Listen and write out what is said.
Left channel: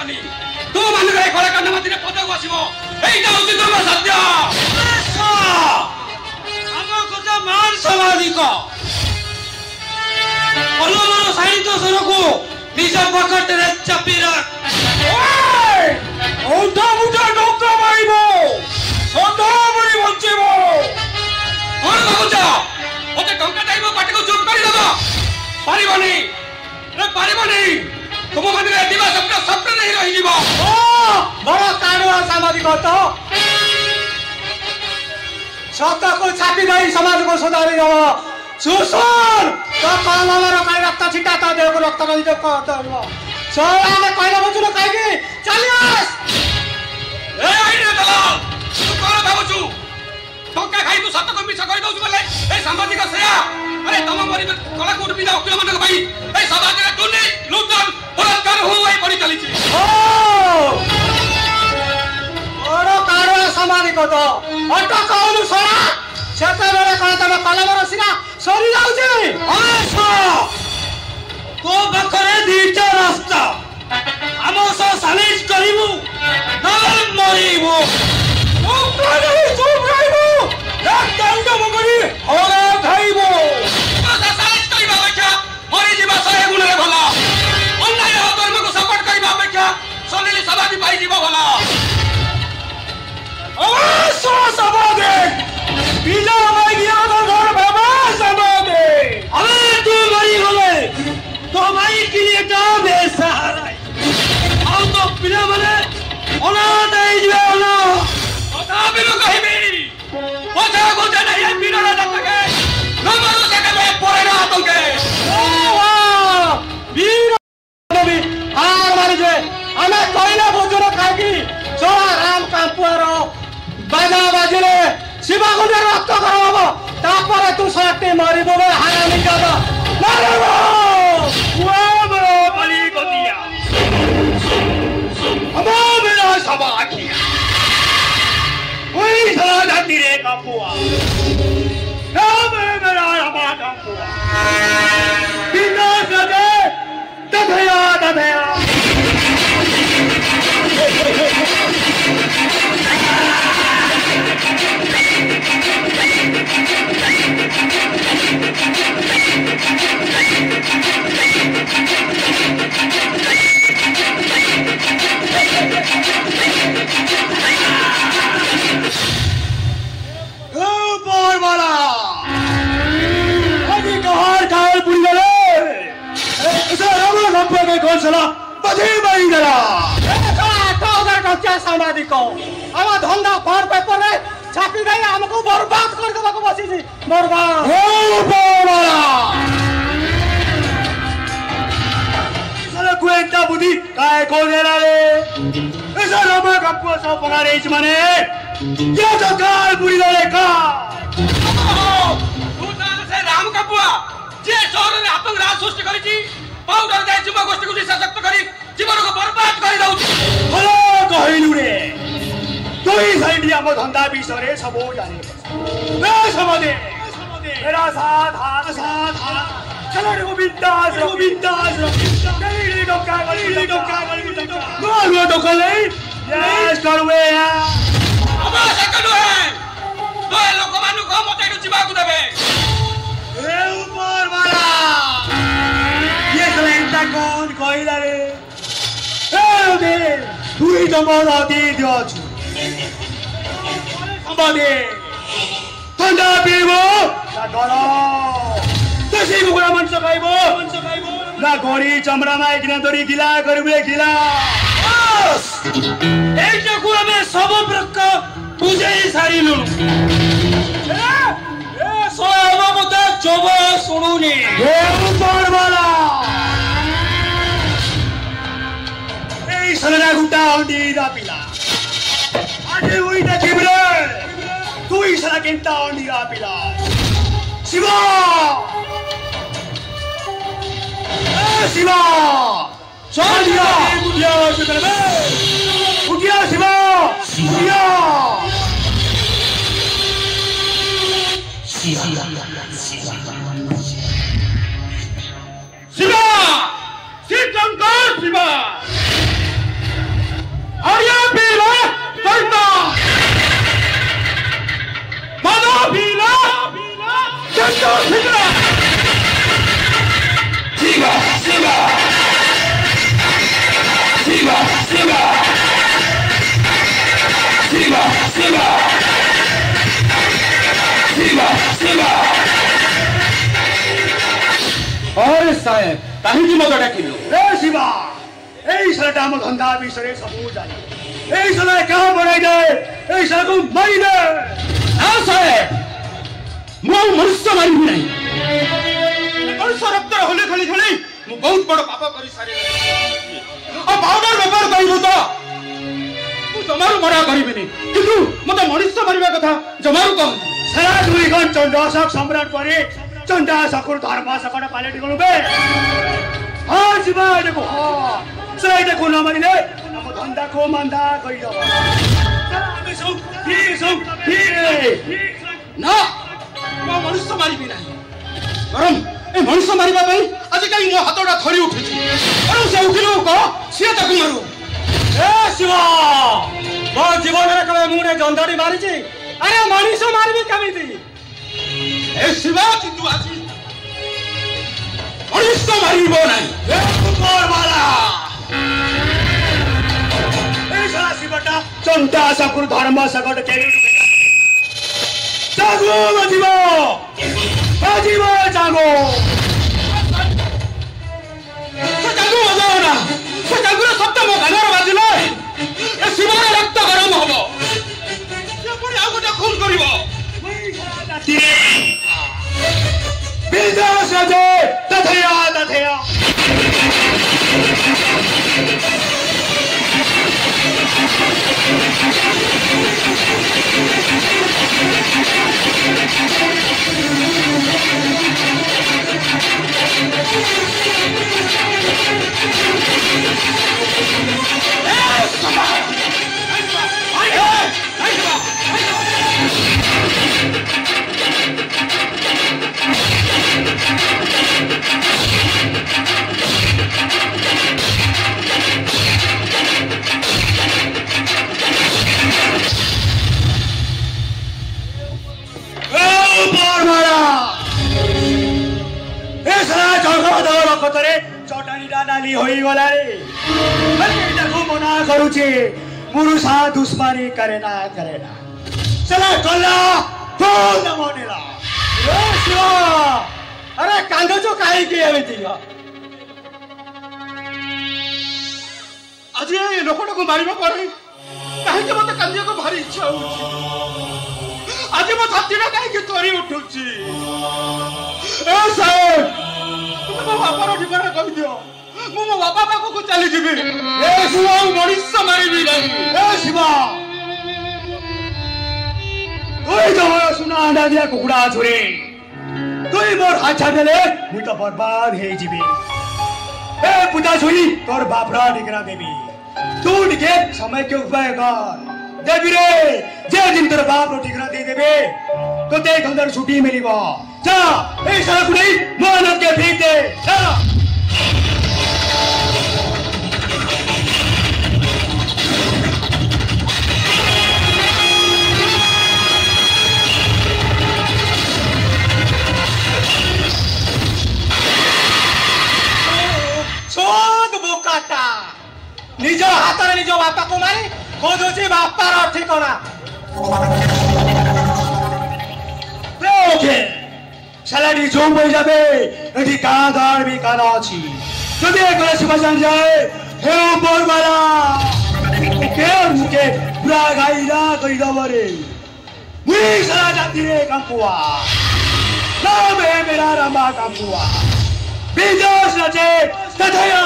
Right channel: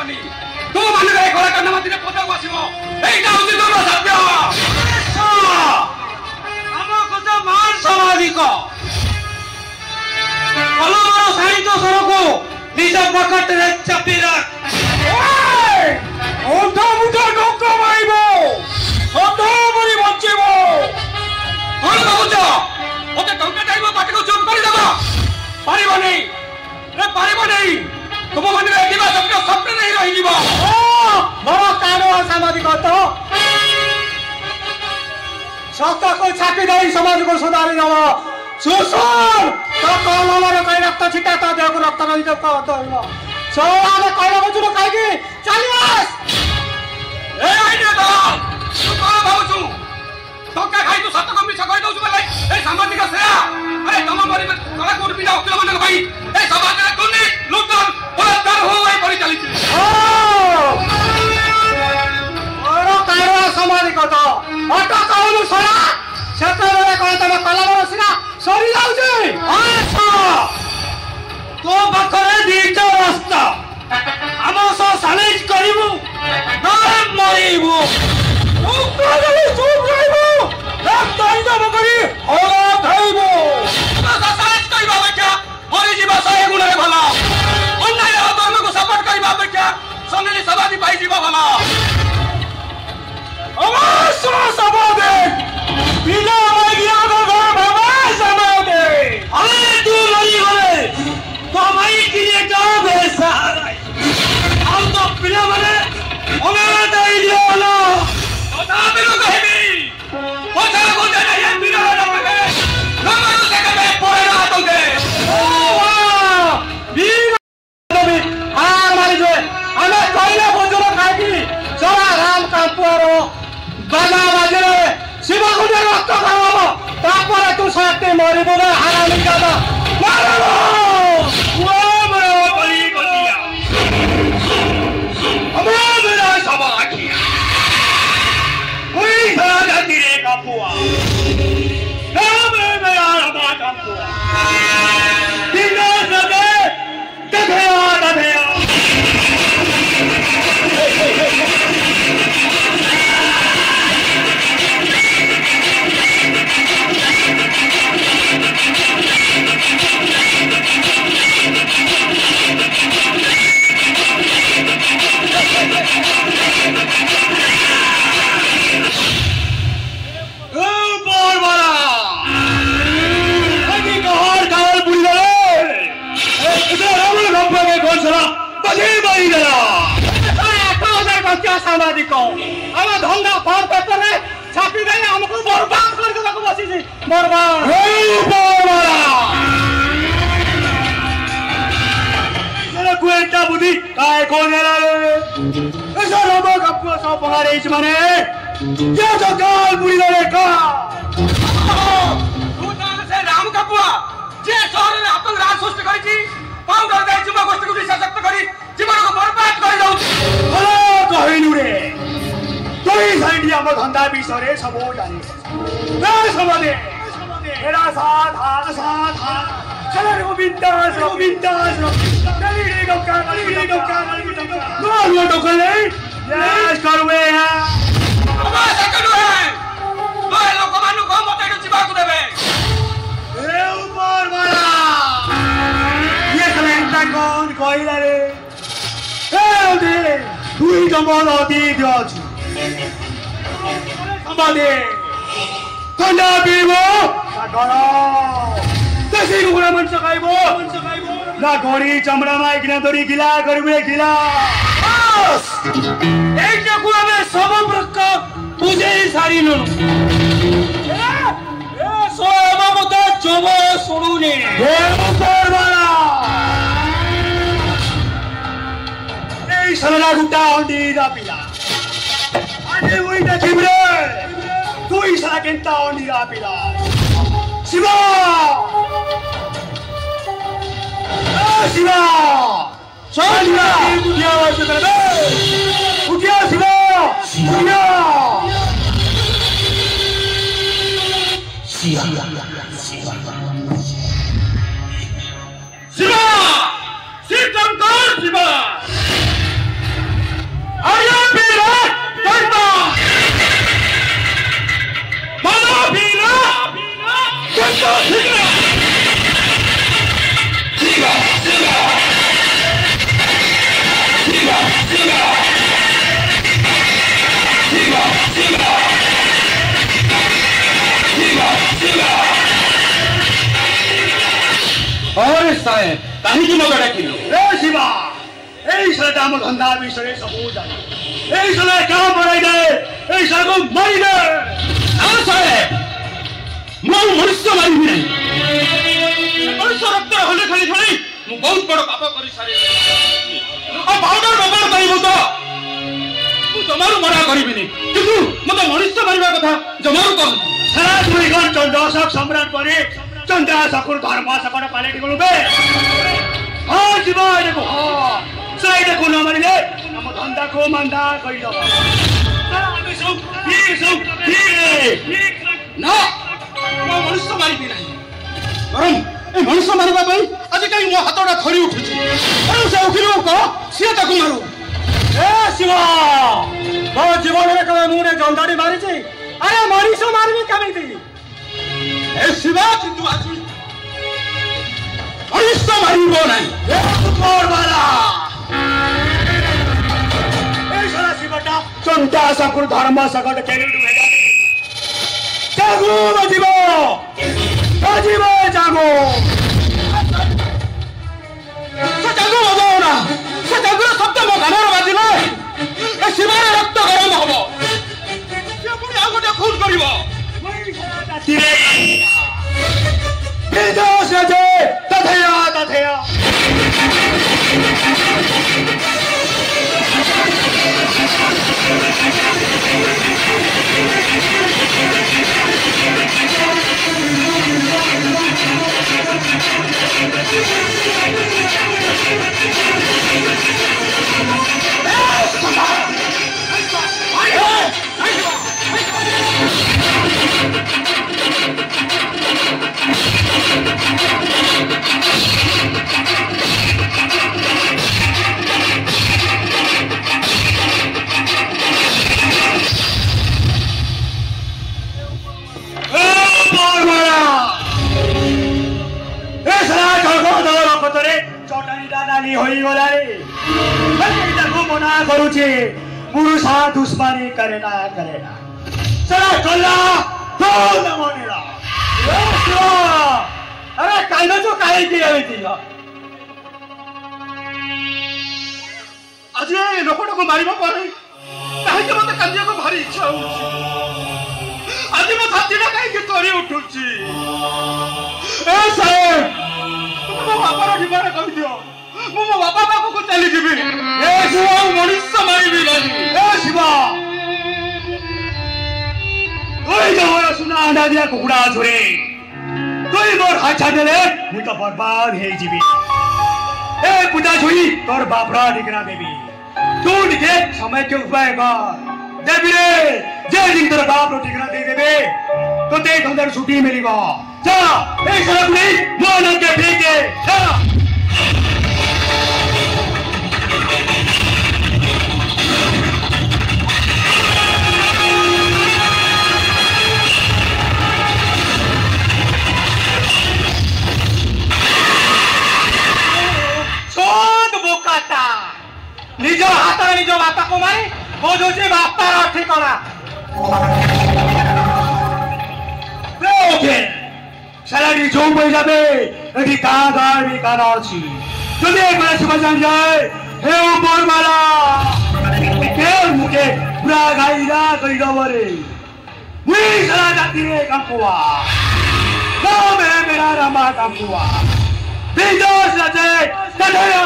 पारिबनी तू माने गए खड़ा करना मत पता को आसीबो एइटा होची तोर सत्य हम कथा मान सामाजिक कलमर साहित्य सरको निज पकट रे चापी रख ओए ओठा मुठा डोक माइबो सदा बनी बचेबो कोन बाबूजा ओते टंका जाइबो बाटे को चुप करी दबा पारिबनी रे पारिबनी तुम मंदिर दिवा स्वप्न नहीं रही जीवा ओ बड़ा कारो सामाजिक तो सत्य को छाती गई समाज को सुधारी दब सुसर तो कलमर कई रक्त छिटा तो देह को रक्त नहीं जो करदो सोया ने कहले बचु काईकी चलियास ए आइने तो तू कोन भाबुछु टंका खाई तू सत्य को मिछ कहि दउछु बोले ए सामाजिक सेया अरे तुम मरि कला कोड बिना वकील मन भाई ए समाज रे दुर्नी लुटन बलात्कार होई पड़ी चली छी ओ बड़ो कारो सामाजिक तो अट कहलु सरा सेते बेले कह तमे कलमर सिना सरी जाउ छी अच्छा तो बखरे दीटा रास्ता हमो सो सालिश करिबु ना मरिबु ओ कहले चुप रहिबु एक दंड बकरी ओला खाइबु तो सालिश करिबा बैठा मरि जीवा सहे गुणे भला अन्याय धर्म को सपोर्ट करिबा बैठा सलिली समाधि पाई जीवा भला अवश्य समाधि बिना मागिया घर बाबा समाधि अरे तू मरी गले तो माई के लिए का बेसहारा हम तो बिना मने अनाथ आई जाना ओता बिनु कहिबी ओता गोते नहीं है बिना ना पके नमरो सके में पड़े ना तंगे ओ वाह वीर नबी हार मारी जे हमें पहले भोजन खाकी चला राम कापुआरो बाजा बाजले शिवा को रक्त कराबो तापर तू सकते मरिबो बे हारामी जाबो मारबो वो बे बली गदिया अबो मेरा सब आखिया कोई सारा तेरे कापुआ नाम मेरा रबा कापुआ बिना सदे दधया दधया सामाजिक आम धंधा फर पेपर रे छापी गई हमको बर्बाद कर देबा को बसी बर्बाद हो बड़ा चलो कुएंटा बुद्धि काय को देला रे ऐसा लबा कप्पो सो पगारे इच माने ये तो गाल बुरी रे का तू से राम कप्पुआ जे शहर रे आतंक राज सृष्टि करी छी पाउडर दे जीव गोष्ठी को सशक्त करी जीवन को बर्बाद कर दउ भलो कहिलु रे कोई साइड हम धंधा विषय रे सबो जाने ए समझे मेरा साथ हाथ चलो रे बिंदास चली रे डोका गली नो डोका ले यस करवे अब सकनो है तो ए लोक मानु को मते जीवा को देबे ए ऊपर वाला ये सलेंटा कौन कहिला रे ए दे तुई जमन अति दियछु समाधि ठंडा पीबो ना गलो कैसे कुकुरा मंच खाइबो ना घोड़ी चमड़ा में किना तोरी गिला करबे गिला बस एटा को हमें सब प्रकार पूजे सारिनु ए सोया मते जब सुनुनी ए ऊपर वाला ए सलना गुटा अंडी दा पिला अरे उइटा छिबरे तू इसला केंटा अंडी दा पिला शिवा शिवा चलिया बुझिया से करबे बुझिया शिवा बुझिया शिवा शिव शंकर शिवा अरे साहेब कहीं मत डाकिलु ए शिवा এই শালাটা আমার ধন্দা বিষয়ে সব জানে এই শালা কাম বড়াই দে এই শালাকে মারি দে हाँ साहेब मैं मनुष्य मारी नहीं मनुष्य रक्त होले खाली खाली मु बहुत बड़ पाप करी सारे आ पाउडर व्यवहार करिबो तो मु जमारू मरा करिबिनी किंतु मते मनुष्य मारिबा कथा जमारू कह साला दुई गन चंडाशक सम्राट परे चंडाशकुर धर्म सकट पालेटी गलबे हाँ शिवा देखो हाँ साला देखो न मारिले हम धंदा को मांदा कहि दबा ना मैं मनुष्य मारिबी नहीं बरम ए मनुष्य मारिबा पई आज काली मो हातडा थरी उठुची अरे से उठिलो को सिए ताकू मारू ए शिवा मो जीवन रे कबे मुने जंदाडी मारिची अरे मनुष्य मारिबी केमिति ए शिवा चिंतु आजी मनुष्य मारिबो नहीं ए ऊपर वाला ए साला शिवटा चंडाशकुर धर्म सकट केरि दुहेगा जागो नजीबो नजीबो जागो से जागो बजाओ ना से जागुर शब्द मो कानर बाजिले ए शिवार रक्त गरम हबो से पुणी आ गोटे खून करिवो विनाश जे तथया तथया चटानी होई गला रे ताकू मना करूची पुरुषा दुश्मनी करेना चला कल्ला तो न मनेला ए शिवा अरे कांदो जो काहे की आवेती आज ए लोकटा को मारिबा पड़े काहे के मते कांदिया को भारी इच्छा होची आज मो छातीटा काहे के तोरी उठुची ए साहेब तुम बापार ठिकाना कहि दियो मु मो बापा पाखु चली जिबी ए शिवा मनुष्य मारिबी नहीं ए शिवा कोई जो सुना आंडा दिया कुकुड़ा छोरे कोई मोर हाथ छाड़ले मु तो बर्बाद हे जीबी ए पुता छोरी तोर बापरा दिकरा देबी तू निके समय के उपाय कर देबी रे जे दिन तोर बाप रो दिकरा दे देबे तो ते धंधर छुट्टी मिलिबो चला ए साला कुड़ी मोन के भीगे चला निज हाथ निज बापा को मारे खोजुची बापार ठिकाना सालाडी जो बई जाबे एठी कादार भी काना अछि যদি একবার সুবাজান যায় হে উপরবালা কে মুকে পুরা গাইরা কই দবরে মুই সারা জাতি রে কাকুয়া নাম হে মেরা রামা কাকুয়া বিজোস রাজে তথয়া